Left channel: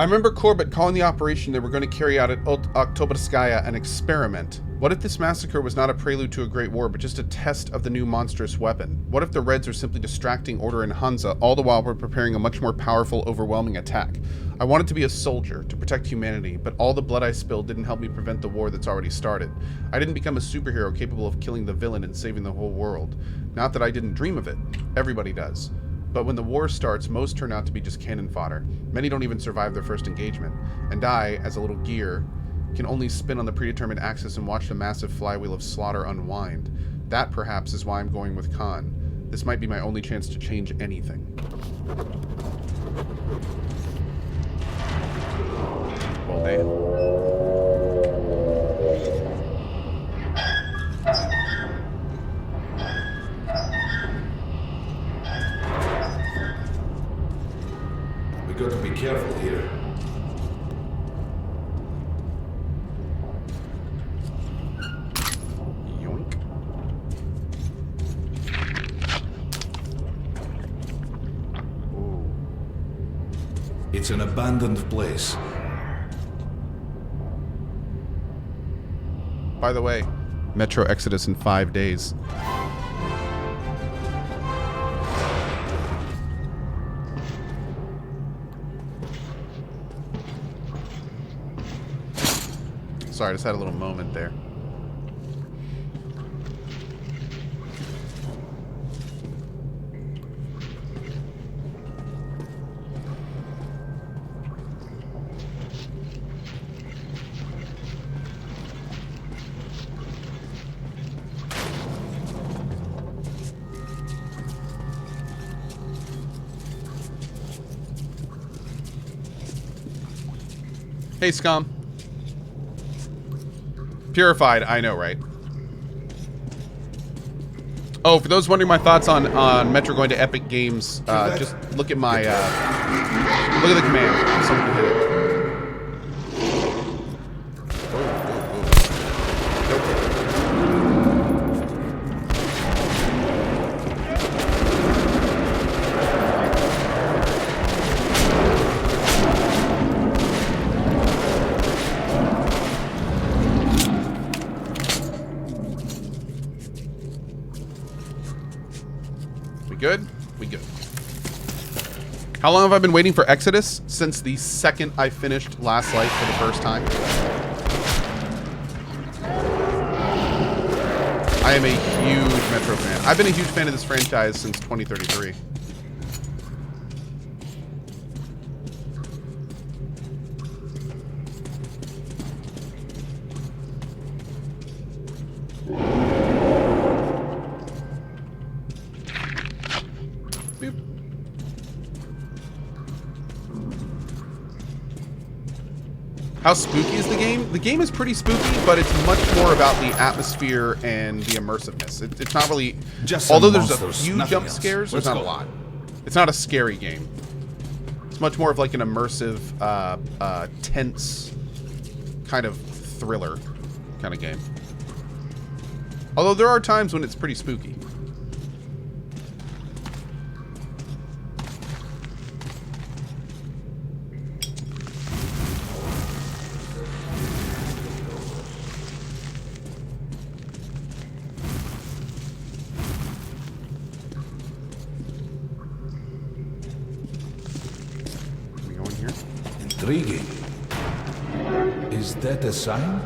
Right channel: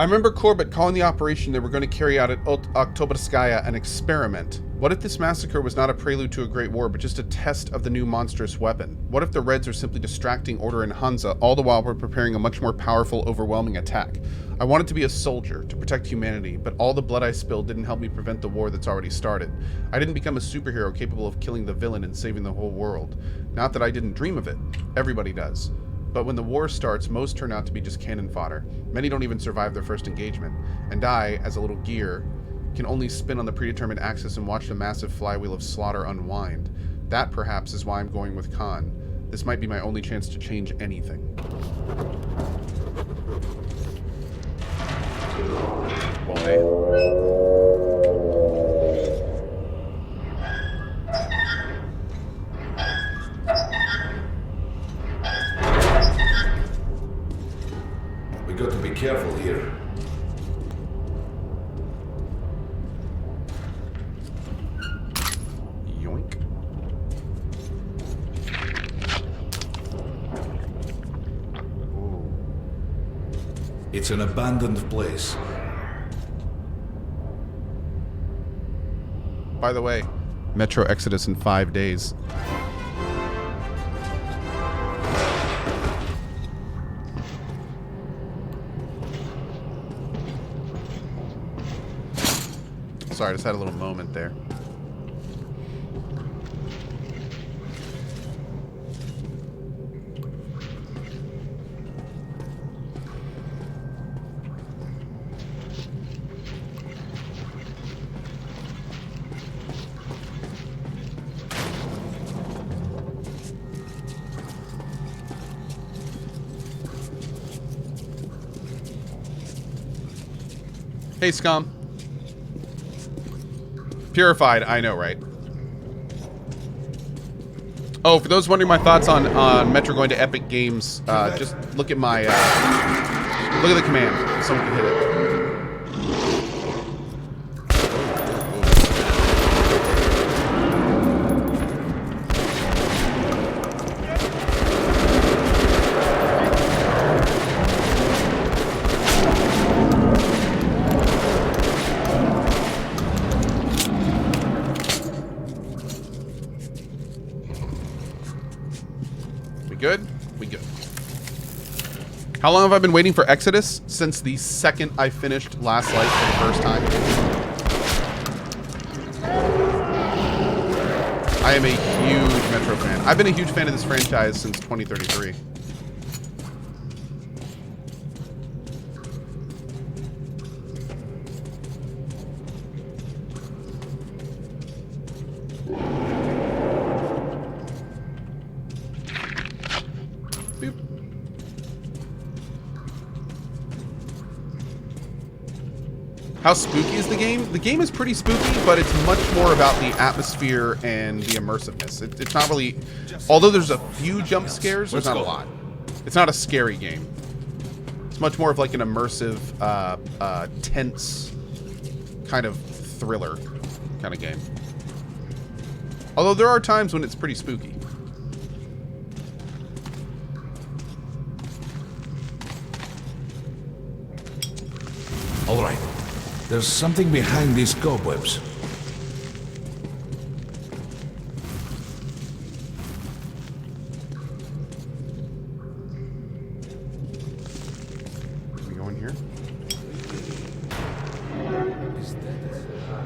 I remember Corbett calling the operation they were going to carry out at Oktoberskaya an experiment. What if this massacre was not a prelude to a great war, but just a test of the new monstrous weapon? What if the Reds are simply distracting Order and Hansa, all the while we're preparing a much more powerful, overwhelming attack? I wanted to be a soldier, to protect humanity, but all the blood I spilled didn't help me prevent the war that's already started. I didn't become a superhero capable of killing the villain and saving the whole world. Not that I didn't dream of it. Everybody does. But when the war starts, most turn out to be just cannon fodder. Many don't even survive their first engagement. And I, as a little gear, can only spin on the predetermined axis and watch the massive flywheel of slaughter unwind. That, perhaps, is why I'm going with Khan. This might be my only chance to change anything. Well, man. Got to be careful here. Yoink. Ooh. It's an abandoned place. By the way, Metro Exodus in 5 days. Sorry, I just had a little moment there. Hey, Scum. Purified, I know, right? Oh, for those wondering my thoughts on Metro going to Epic Games, just look at my, look at the command. Someone can hit it. Good? We good. How long have I been waiting for Exodus? Since the second I finished Last Light for the first time. I am a huge Metro fan. I've been a huge fan of this franchise since 2033. How spooky is the game? The game is pretty spooky, but it's much more about the atmosphere and the immersiveness. It's not really... Although there's a few jump scares, there's not a lot. It's not a scary game. It's much more of like an immersive, tense kind of thriller kind of game. Although there are times when it's pretty spooky. There's something behind these cobwebs. Can we go in here? Intriguing. Is that a sign?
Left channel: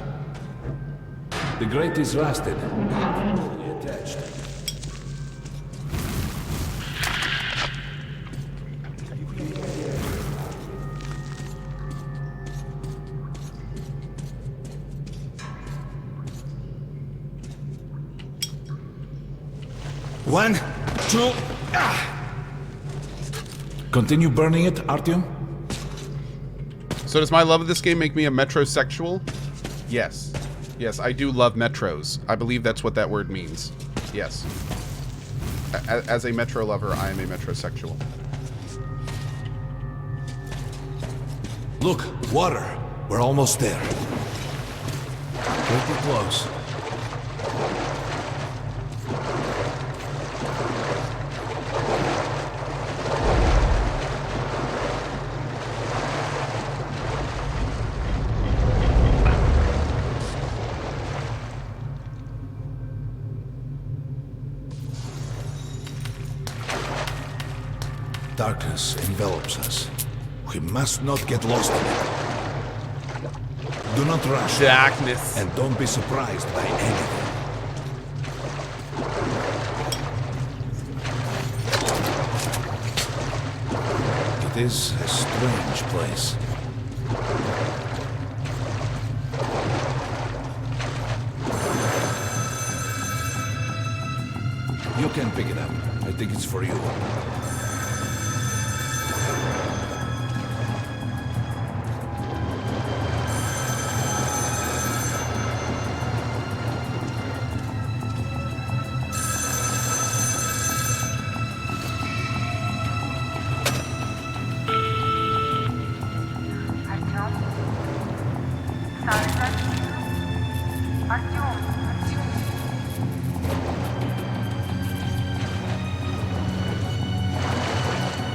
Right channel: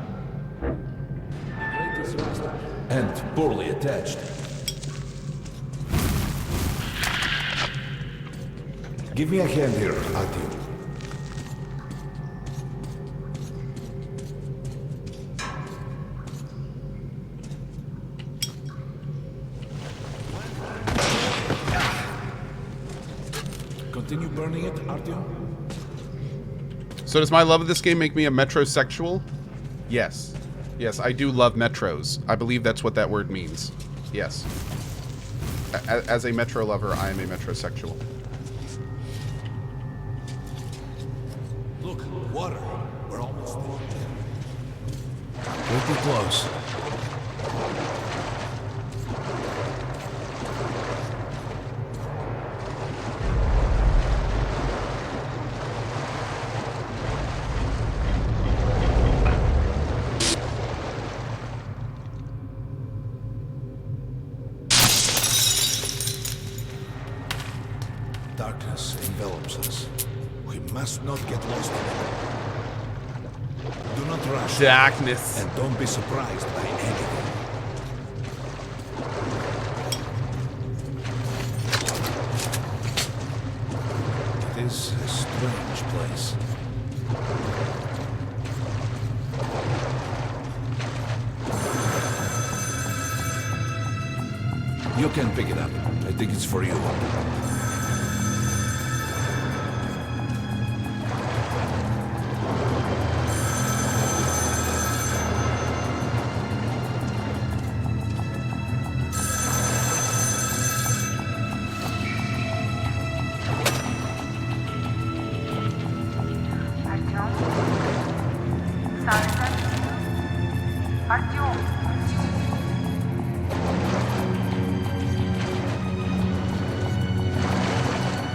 The grate is rusted and poorly attached. Give me a hand here, Artie. One, two, Continue burning it, Artyom? So does my love of this game make me a metrosexual? Yes. Yes, I do love metros. I believe that's what that word means. Yes. As a metro lover, I am a metrosexual. Look, water. We're almost there. Pretty close. Darkness envelops us. We must not get lost in it. Do not rush. Darkness. And don't be surprised by anything. It is a strange place. You can pick it up. I think it's for you.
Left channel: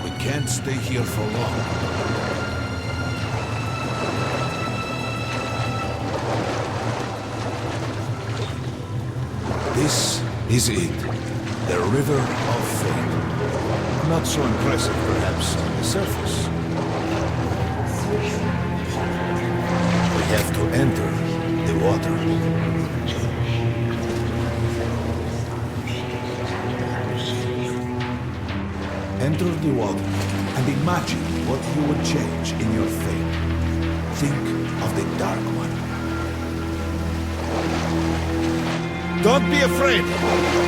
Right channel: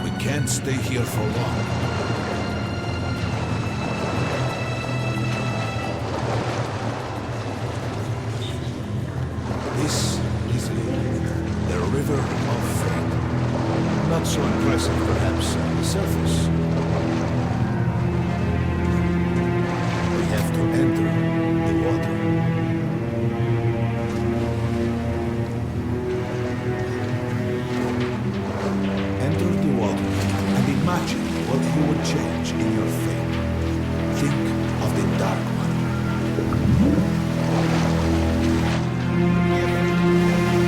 We can't stay here for long. This is it. The River of Fate. Not so impressive, perhaps, on the surface. We have to enter the water. Enter the water and imagine what you would change in your fate. Think of the Dark One. Don't be afraid.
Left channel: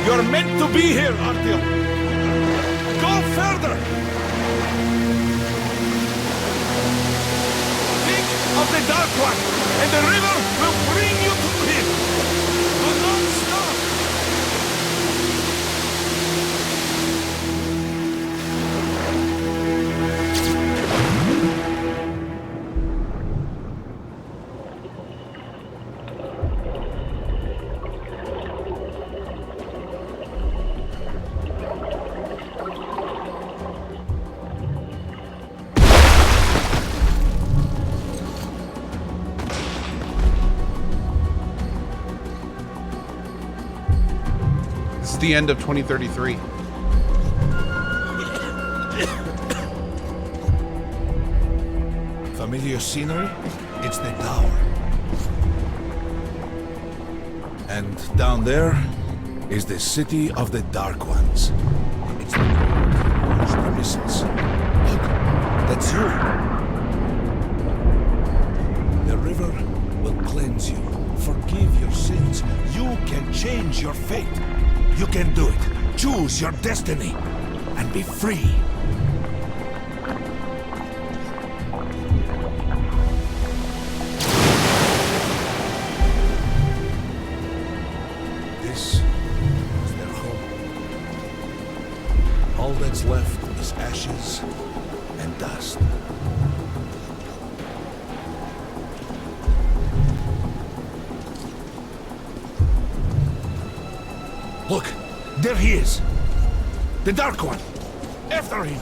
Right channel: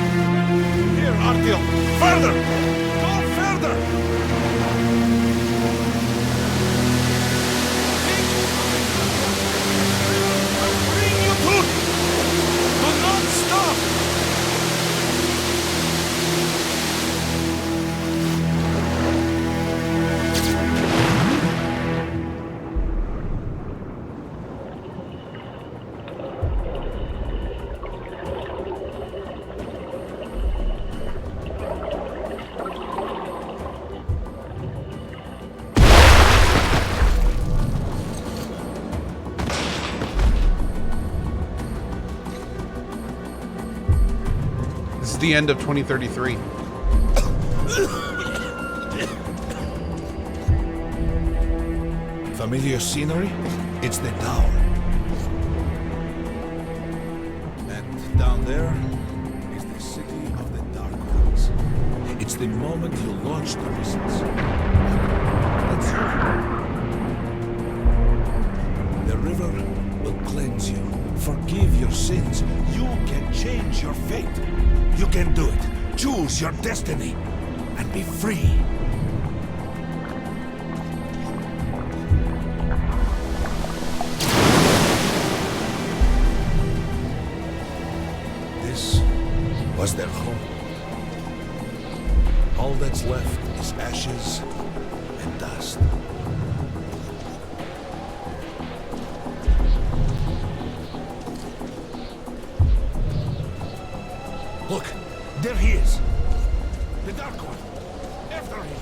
You're meant to be here, Artyom. Further! Go further! Think of the Dark One, and the river will bring you to him. Do not stop! This is the end of 2033. Familiar scenery? It's the tower. And down there is the city of the Dark Ones. It's the moment you launch the missiles. Look, that's you. The river will cleanse you, forgive your sins. You can change your fate. You can do it. Choose your destiny and be free. This was their home. All that's left is ashes and dust. Look, there he is. The Dark One. After him.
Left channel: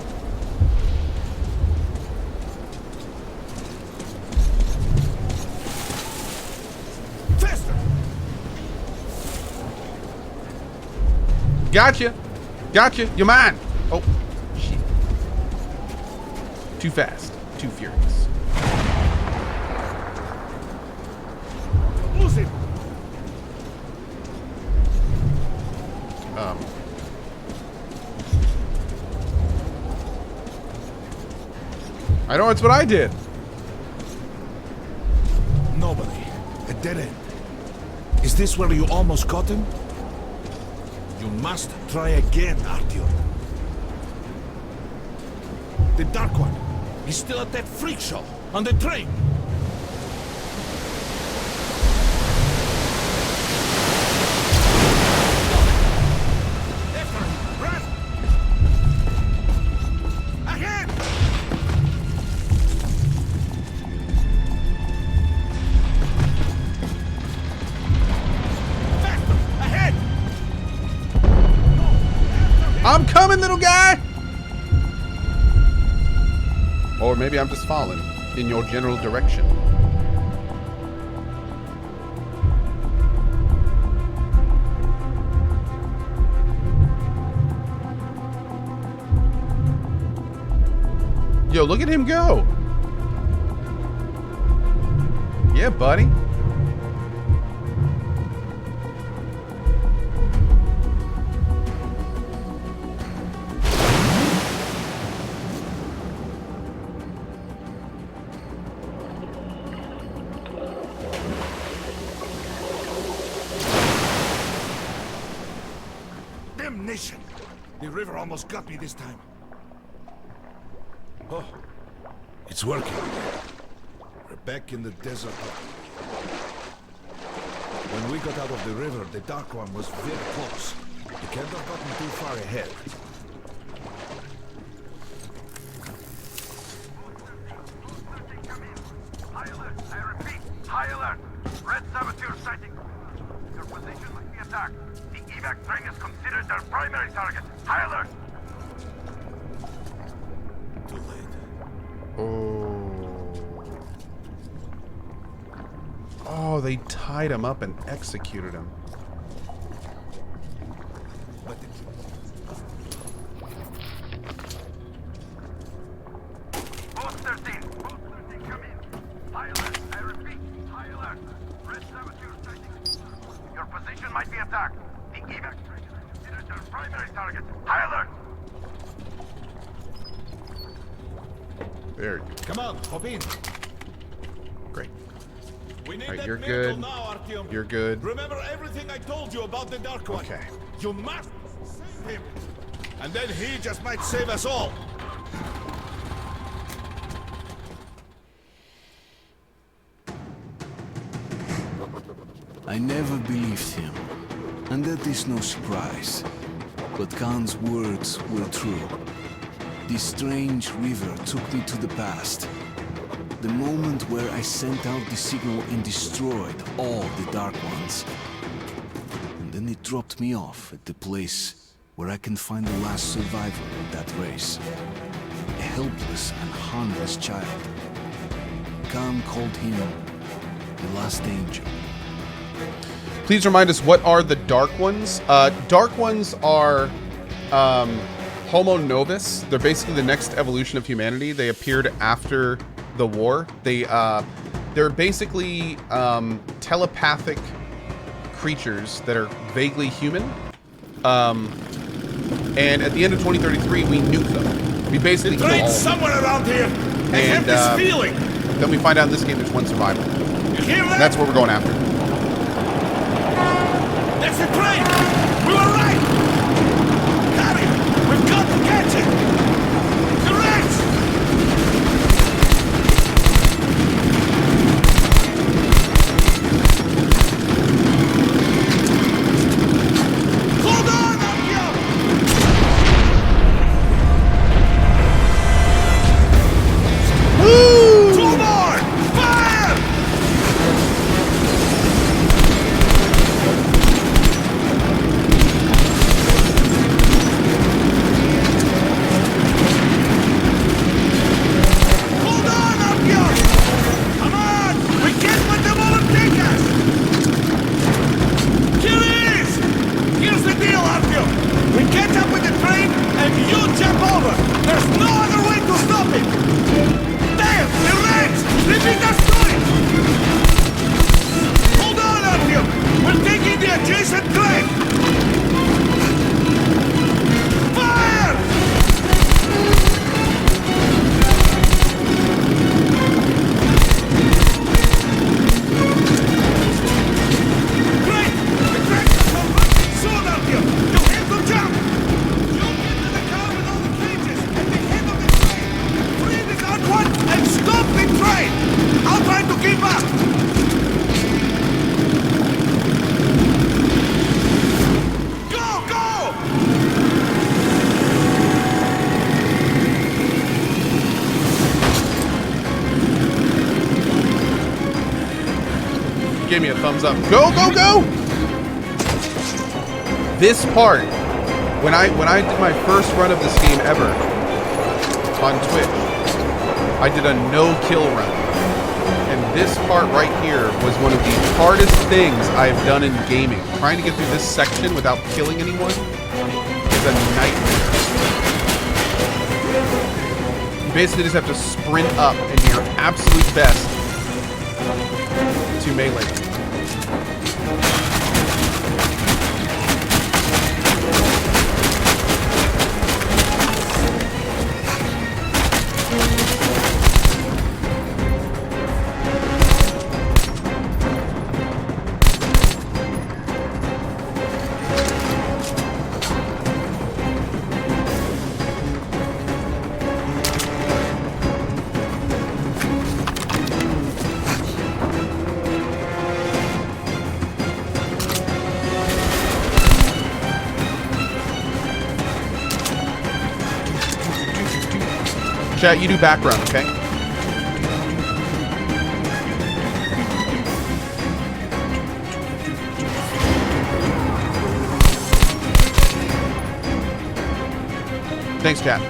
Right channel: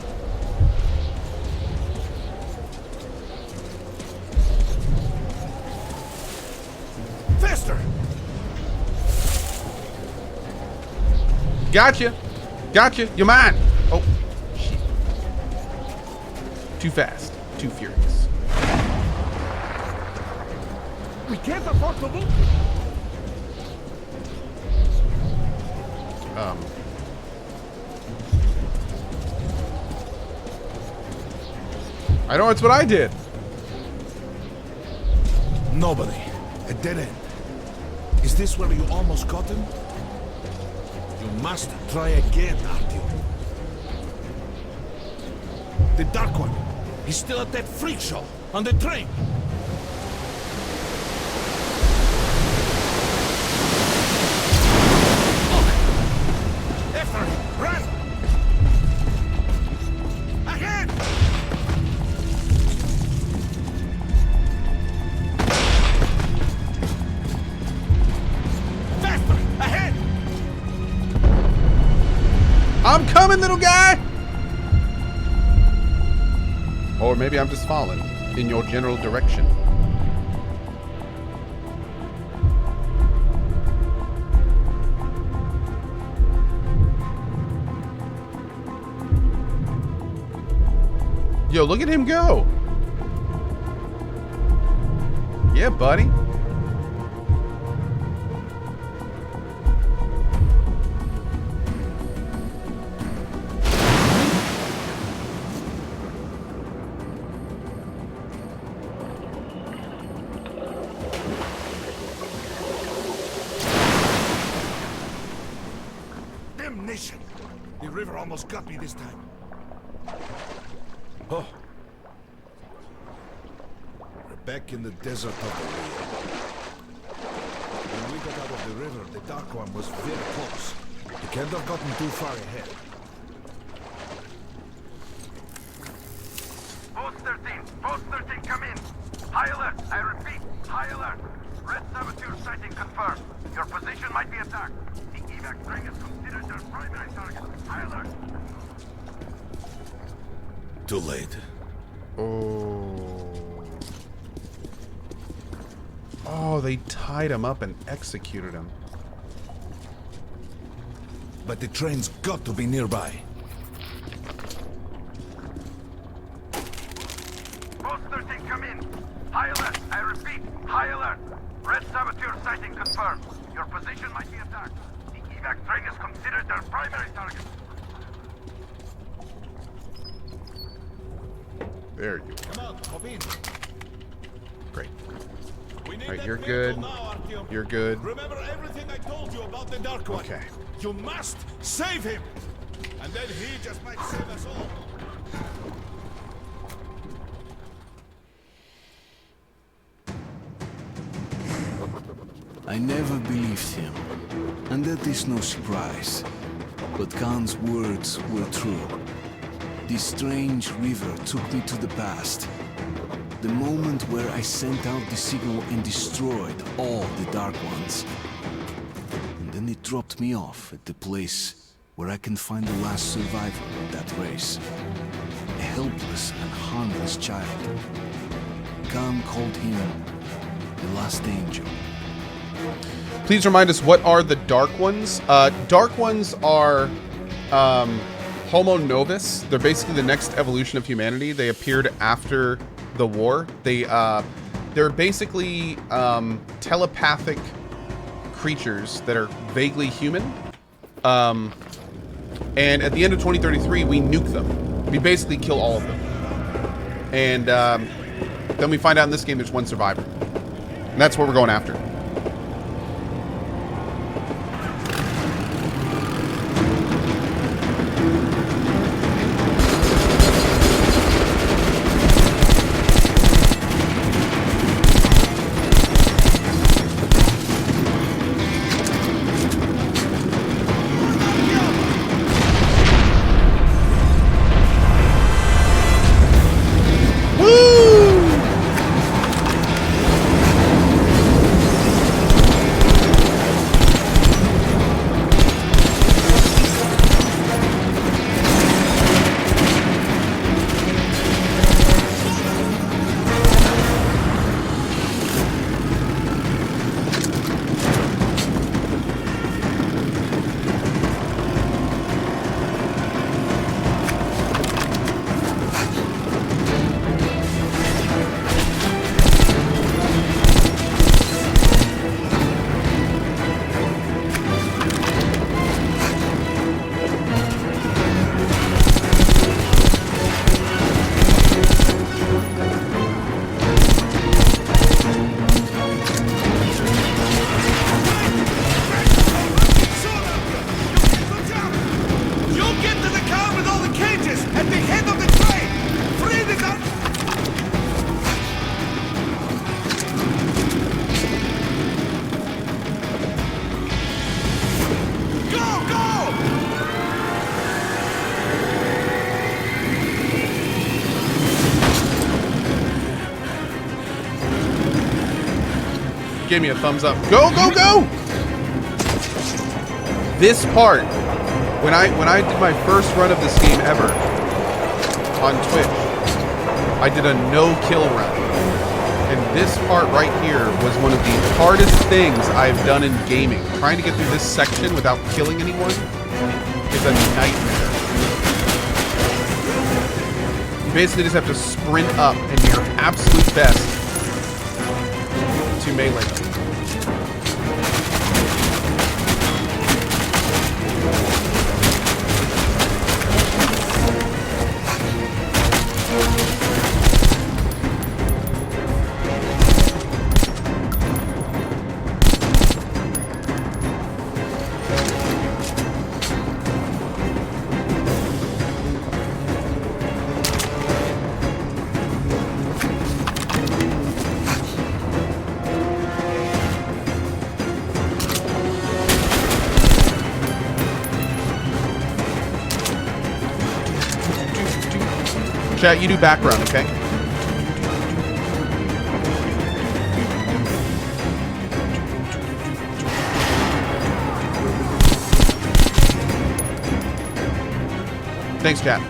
Faster! Gotcha. Gotcha. You're mine. Oh, shit. Too fast. Too furious. We can't afford to lose it. I know it's what I did. Nobody. A dead end. Is this where you almost caught him? You must try again, Artyom. The Dark One. He's still at that freak show on the train. After him. Run! Ahead! Faster! Ahead! I'm coming, little guy! Or maybe I'm just falling in your general direction. Yo, look at him go. Yeah, buddy. Damnation! The river almost got me this time. Oh, it's working. We're back in the desert of the Rio. When we got out of the river, the Dark One was very close. You can't have gotten too far ahead. Post 13, come in. High alert, I repeat, high alert. Red saboteur sighting confirmed. Your position might be attacked. The evac train is considered their primary target. High alert. Too late. Oh. Oh, they tied him up and executed him. But the train's got to be nearby. Post 13, come in. High alert, I repeat, high alert. Red saboteur sighting confirmed. Your position might be attacked. The evac train is considered their primary target. High alert. There you go. Come on, hop in. Great. We need All right, that you're miracle good. now, Artyom. You're good. Remember everything I told you about the Dark One. Okay. You must save him. And then he just might save us all. I never believed him, and that is no surprise. But Khan's words were true. This strange river took me to the past. The moment where I sent out the signal and destroyed all the Dark Ones. And then it dropped me off at the place where I can find the last survivor of that race. A helpless and harmless child. Khan called him the last angel. Please remind us, what are the Dark Ones? Dark Ones are Homo Novus. They're basically the next evolution of humanity. They appeared after the war. They're basically telepathic creatures that are vaguely human. And at the end of 2033, we nuke them. We basically kill all of them. Somewhere around here. And then we find out in this game there's one survivor. And that's what we're going after. That's the train! We were right! Harry, we've got to catch it! Hold on, Artyom! Woo! Two more! Fire! Hold on, Artyom! Come on! We can't let them overtake us! Here it is! Here's the deal, Artyom! We catch up with the train, and you jump over! There's no other way to stop it! There! The reds! This is the split! Hold on, Artyom! We're taking the adjacent train! Fire! Great! The trains are converging soon, Artyom! You have to jump! You get to the car with all the cages at the head of the train! Free the Dark One and stop the train! I'll try to keep up! Go, go! Give me a thumbs up. Go, go, go! This part, when I did my first run of this game ever on Twitch, I did a no-kill run. And this part right here was one of the hardest things I've done in gaming. Trying to get through this section without killing anyone is a nightmare. You basically just have to sprint up and do your absolute best to melee. Chat, you do background, okay? Thanks, chat.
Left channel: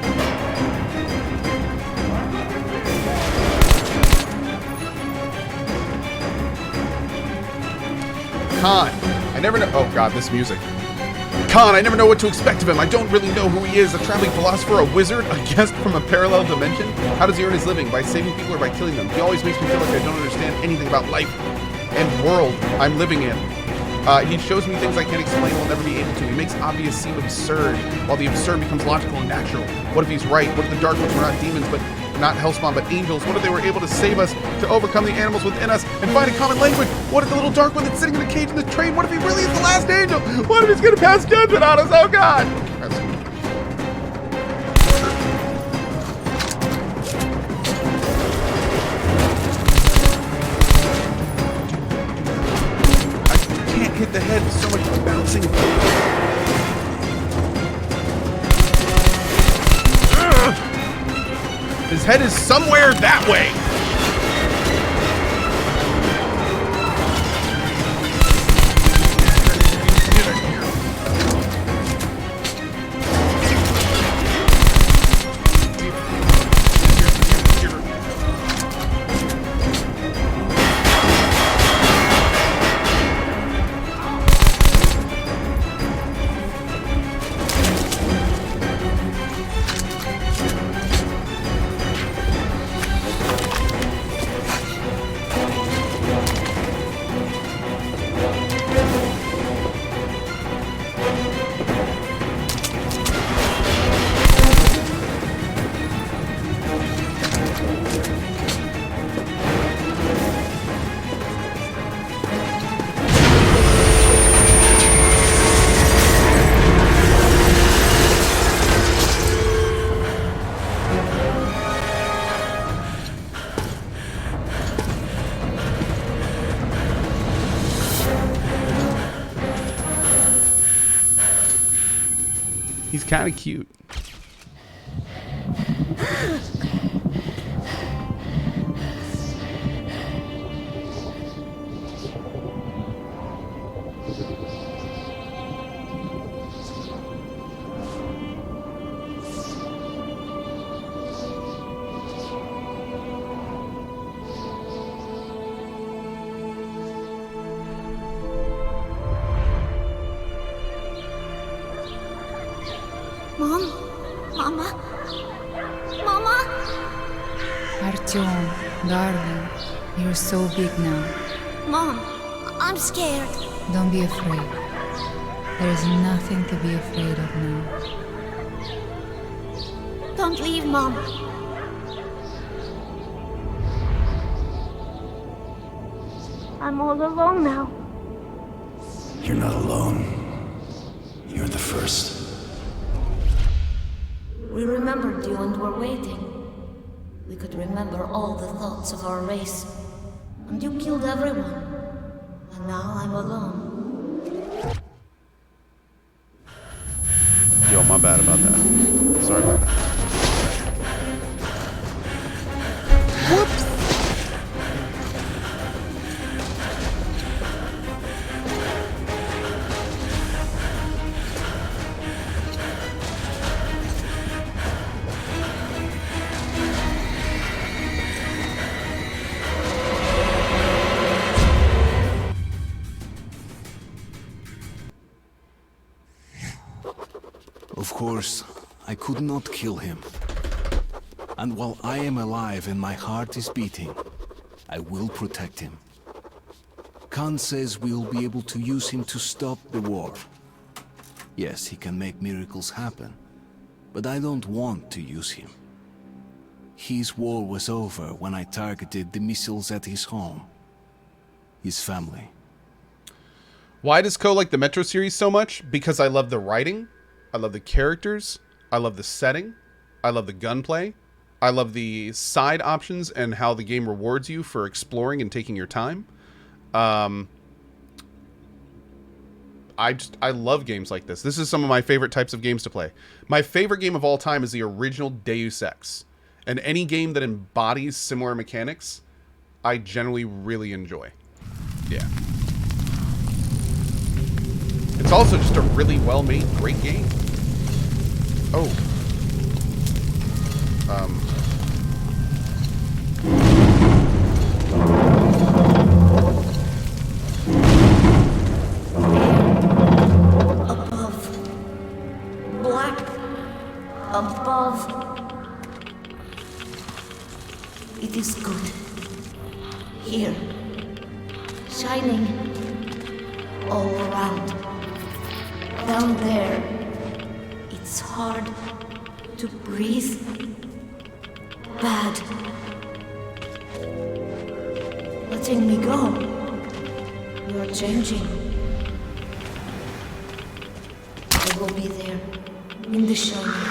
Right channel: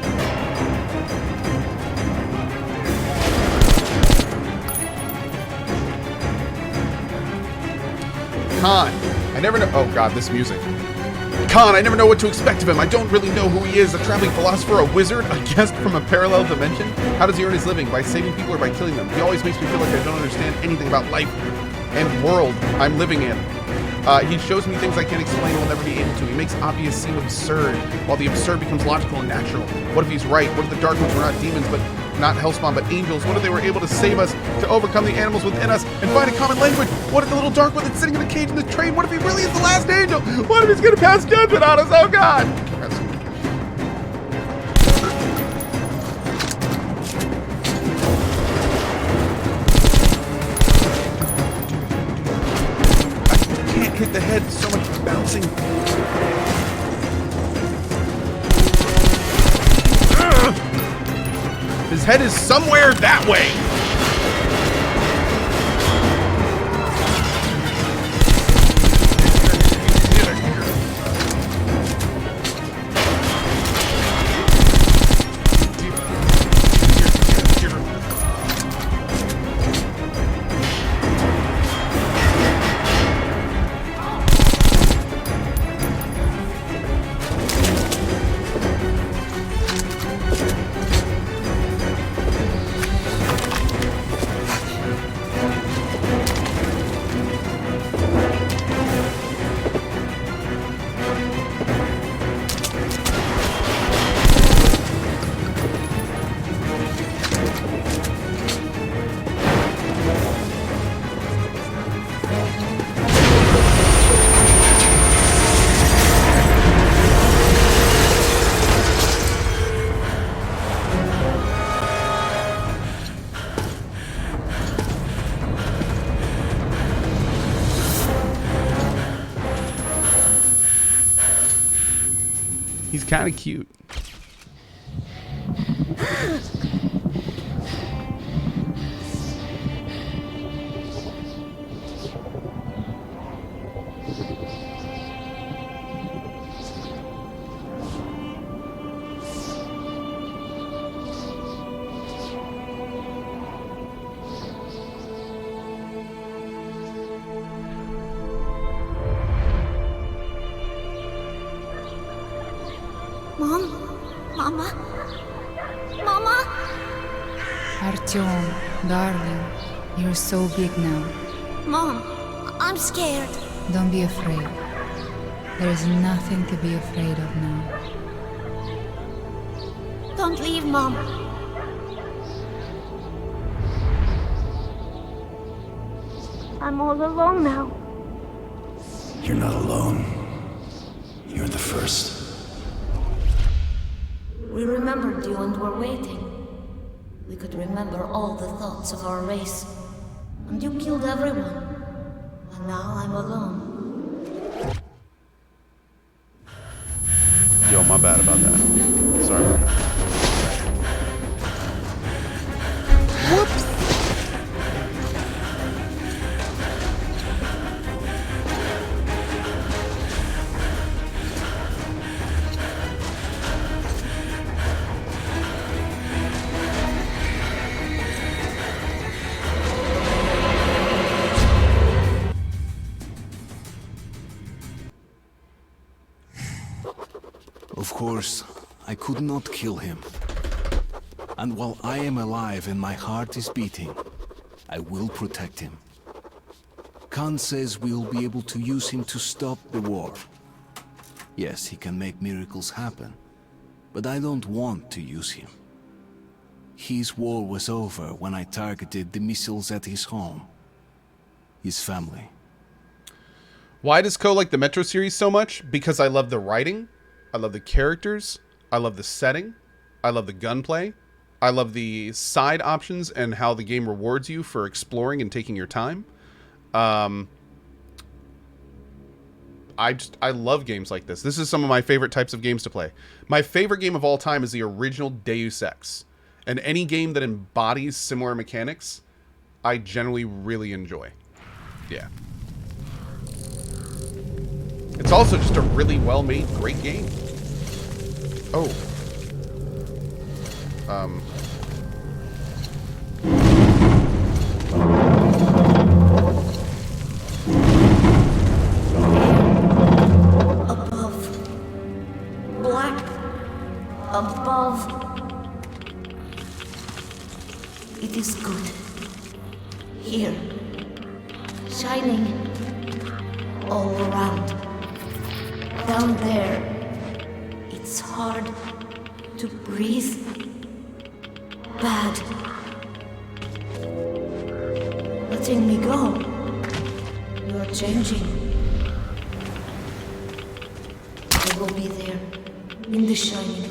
Khan, I never know. Oh god, this music. Khan, I never know what to expect of him. I don't really know who he is. A traveling philosopher, a wizard, a guest from a parallel dimension? How does he earn his living? By saving people or by killing them? He always makes me feel like I don't understand anything about life and world I'm living in. He shows me things I can't explain and will never be able to. He makes obvious seem absurd, while the absurd becomes logical and natural. What if he's right? What if the Dark Ones were not demons, but not Hellspawn, but angels? What if they were able to save us, to overcome the animals within us, and find a common language? What if the little Dark One that's sitting in the cage in the train, what if he really is the last angel? What if he's gonna pass judgment on us? Oh god! I can't hit the head, so much bouncing. His head is somewhere that way. He's kind of cute. Mom? Mama? Mama? Artyom, darling, you're so big now. Mom, I'm scared. Don't be afraid. There is nothing to be afraid of now. Don't leave, Mom. I'm all alone now. You're not alone. You're the first. We remembered you and were waiting. We could remember all the thoughts of our race. And you killed everyone. And now I'm alone. Yo, my bad about that. Sorry about that. Whoops! Of course, I could not kill him. And while I am alive and my heart is beating, I will protect him. Khan says we'll be able to use him to stop the war. Yes, he can make miracles happen, but I don't want to use him. His war was over when I targeted the missiles at his home. His family. Why does Co like the Metro series so much? Because I love the writing, I love the characters, I love the setting, I love the gunplay, I love the side options and how the game rewards you for exploring and taking your time. I love games like this. This is some of my favorite types of games to play. My favorite game of all time is the original Deus Ex. And any game that embodies similar mechanics, I generally really enjoy. Yeah. It's also just a really well-made, great game. Oh. Above. Black. Above. It is good. Here. Shining. All around. Down there. It's hard to breathe. Bad. Letting me go. You are changing. I will be there. In the shining.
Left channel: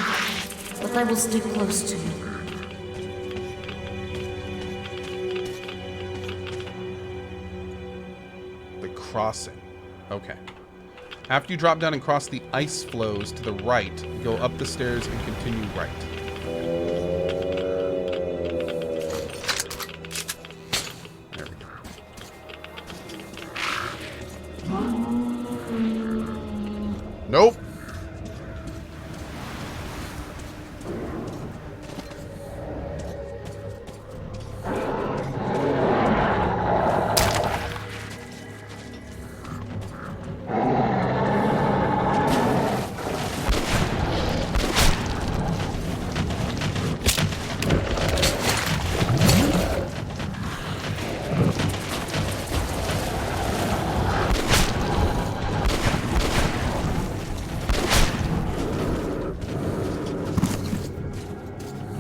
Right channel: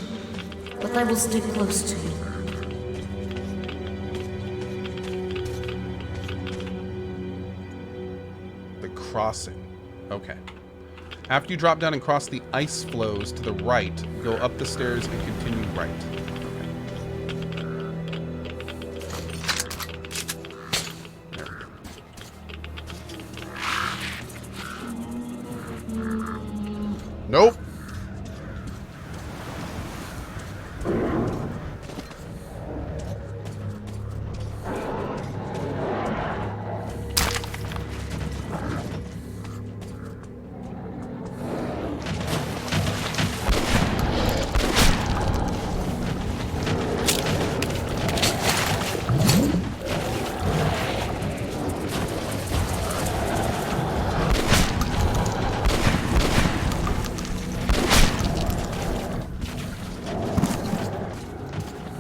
But I will stay close to you. Crossing. Okay. After you drop down and cross the ice flows to the right, go up the stairs and continue right. There we go. Nope.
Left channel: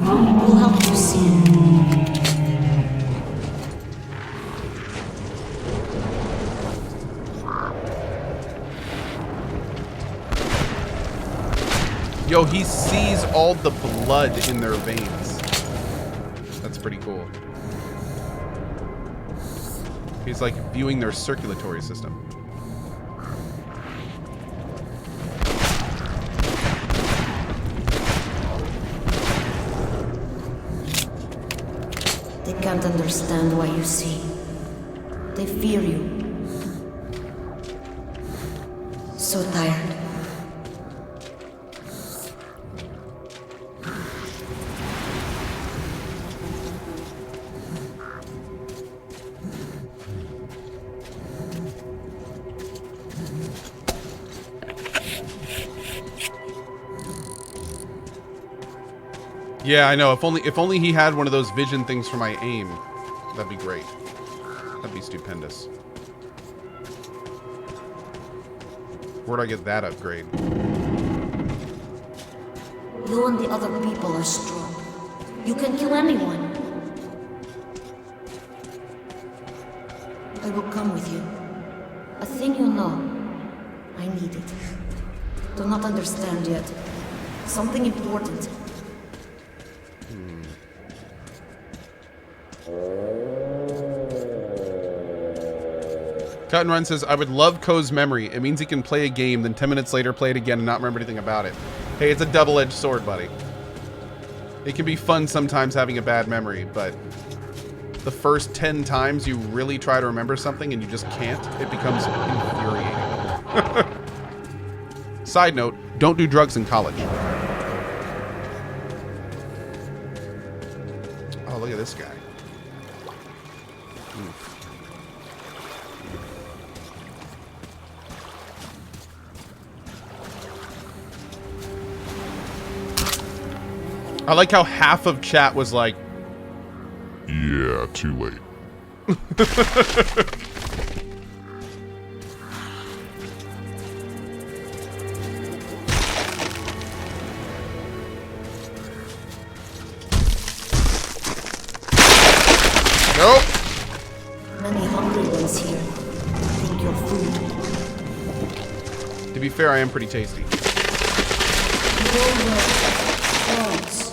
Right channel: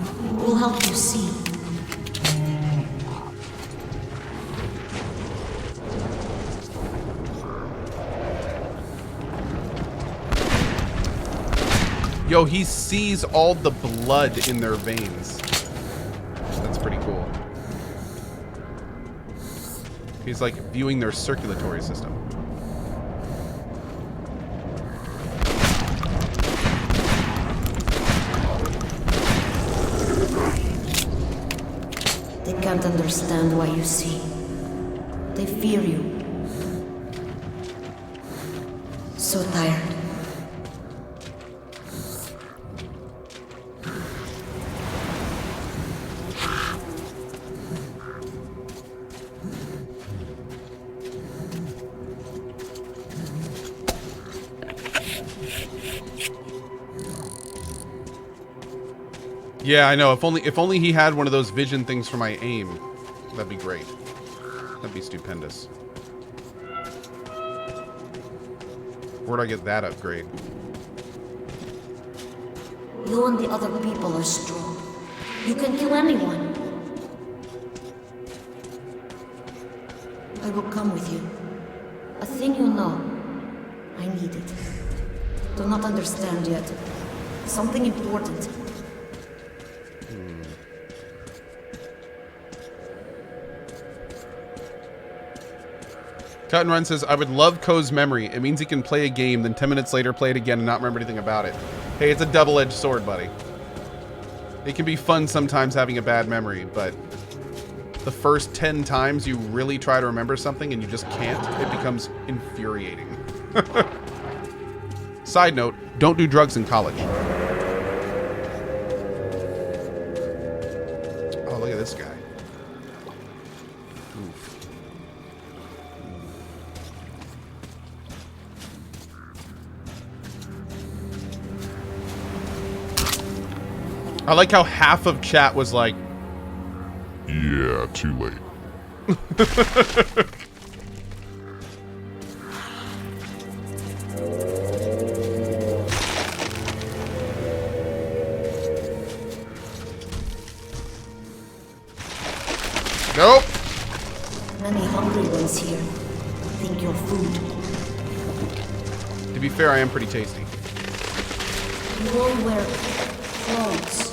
We'll help you see. Yo, he sees all the blood in their veins. That's pretty cool. He's like viewing their circulatory system. They can't understand why you see. They fear you. So tired. Yeah, I know. If only he had one of those vision things for my aim, that'd be great. That'd be stupendous. Where'd I get that upgrade? You and the other people are strong. You can kill anyone. I will come with you. A thing you know. I need it. Do not understand yet. Something important. Cut and Run says, I would love Ko's memory. It means he can play a game, then 10 minutes later play it again and not remember anything about it. Hey, it's a double-edged sword, buddy. It can be fun sometimes having a bad memory, but the first 10 times you really try to remember something and you just can't, it becomes infuriating. Side note, don't do drugs in college. Oh, look at this guy. Oof. I like how half of chat was like, Yeah, too late. nope. Many hungry ones here. Think you're food. To be fair, I am pretty tasty. You all wear clothes.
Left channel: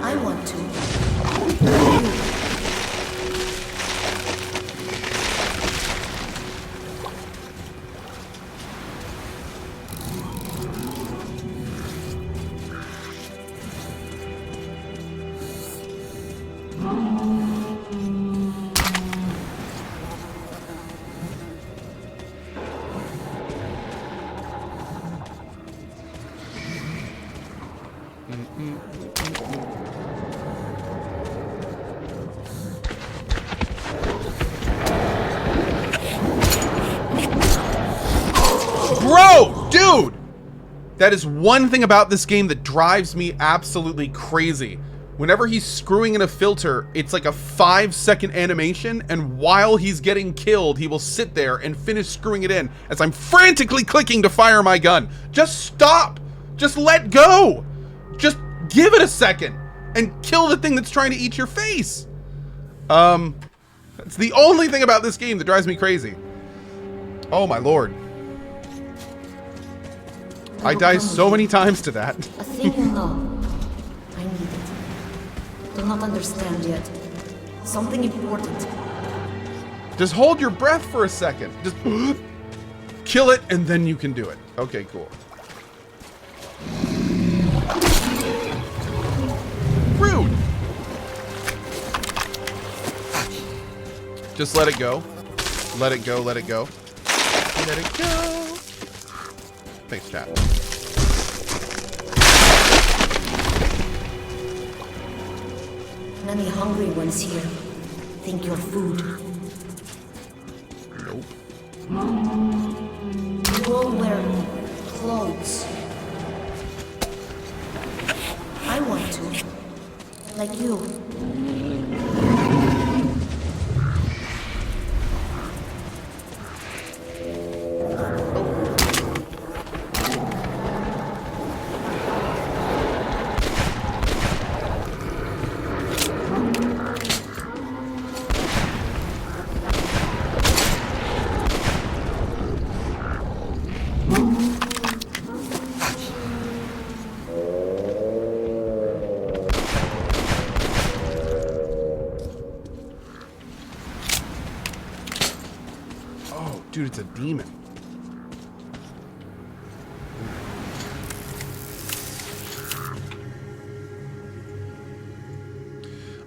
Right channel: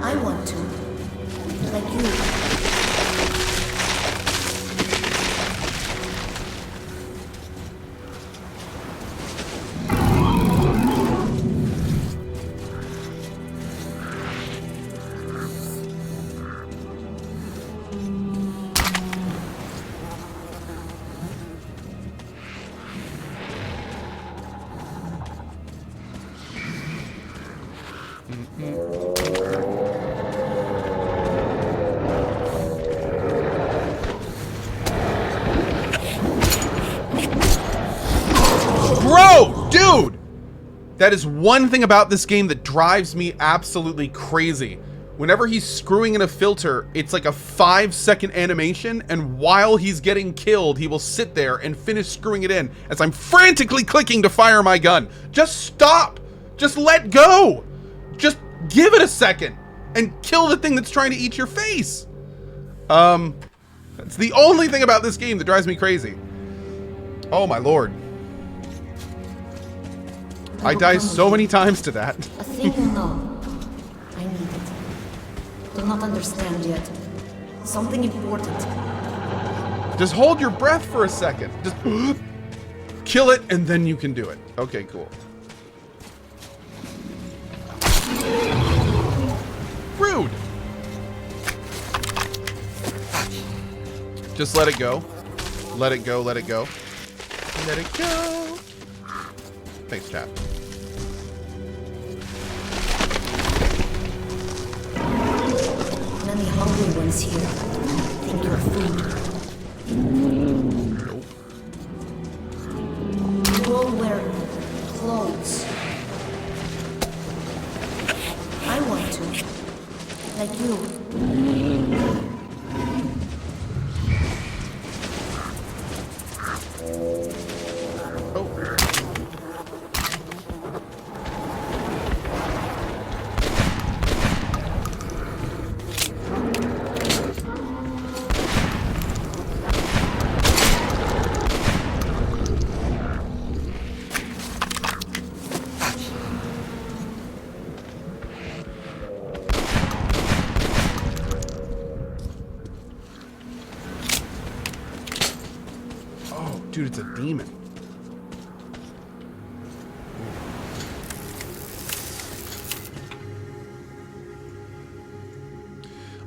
I want to. But you. Bro, dude! That is one thing about this game that drives me absolutely crazy. Whenever he's screwing in a filter, it's like a 5-second animation, and while he's getting killed, he will sit there and finish screwing it in as I'm frantically clicking to fire my gun. Just stop! Just let go! Just give it a second and kill the thing that's trying to eat your face. That's the only thing about this game that drives me crazy. Oh my lord. I die so many times to that. A thing you know. I need it. Do not understand yet. Something important. Just hold your breath for a second. Just kill it and then you can do it. Okay, cool. Rude. Just let it go. Let it go, let it go. Let it go. Thanks, chat. Many hungry ones here. Think you're food. Nope. You all wear clothes. I want to. Like you. Dude, it's a demon.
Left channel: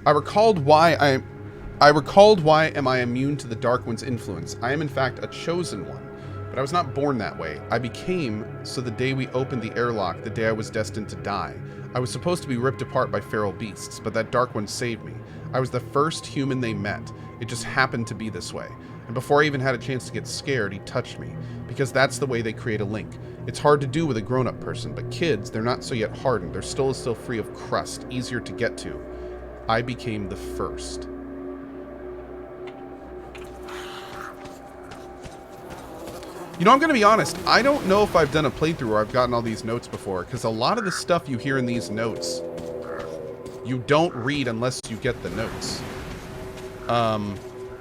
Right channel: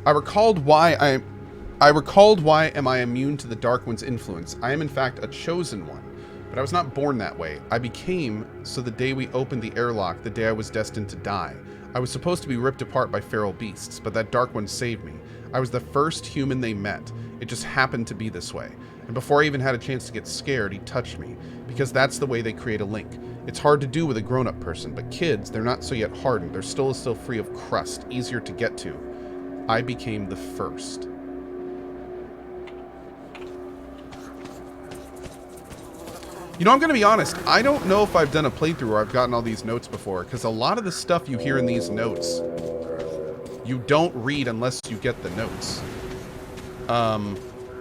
I recalled why am I immune to the Dark One's influence. I am in fact a chosen one, but I was not born that way. I became so the day we opened the airlock, the day I was destined to die. I was supposed to be ripped apart by feral beasts, but that Dark One saved me. I was the first human they met. It just happened to be this way. And before I even had a chance to get scared, he touched me. Because that's the way they create a link. It's hard to do with a grown-up person, but kids, they're not so yet hardened. They're still free of crust, easier to get to. I became the first. You know, I'm going to be honest. I don't know if I've done a playthrough where I've gotten all these notes before, because a lot of the stuff you hear in these notes, you don't read unless you get the notes.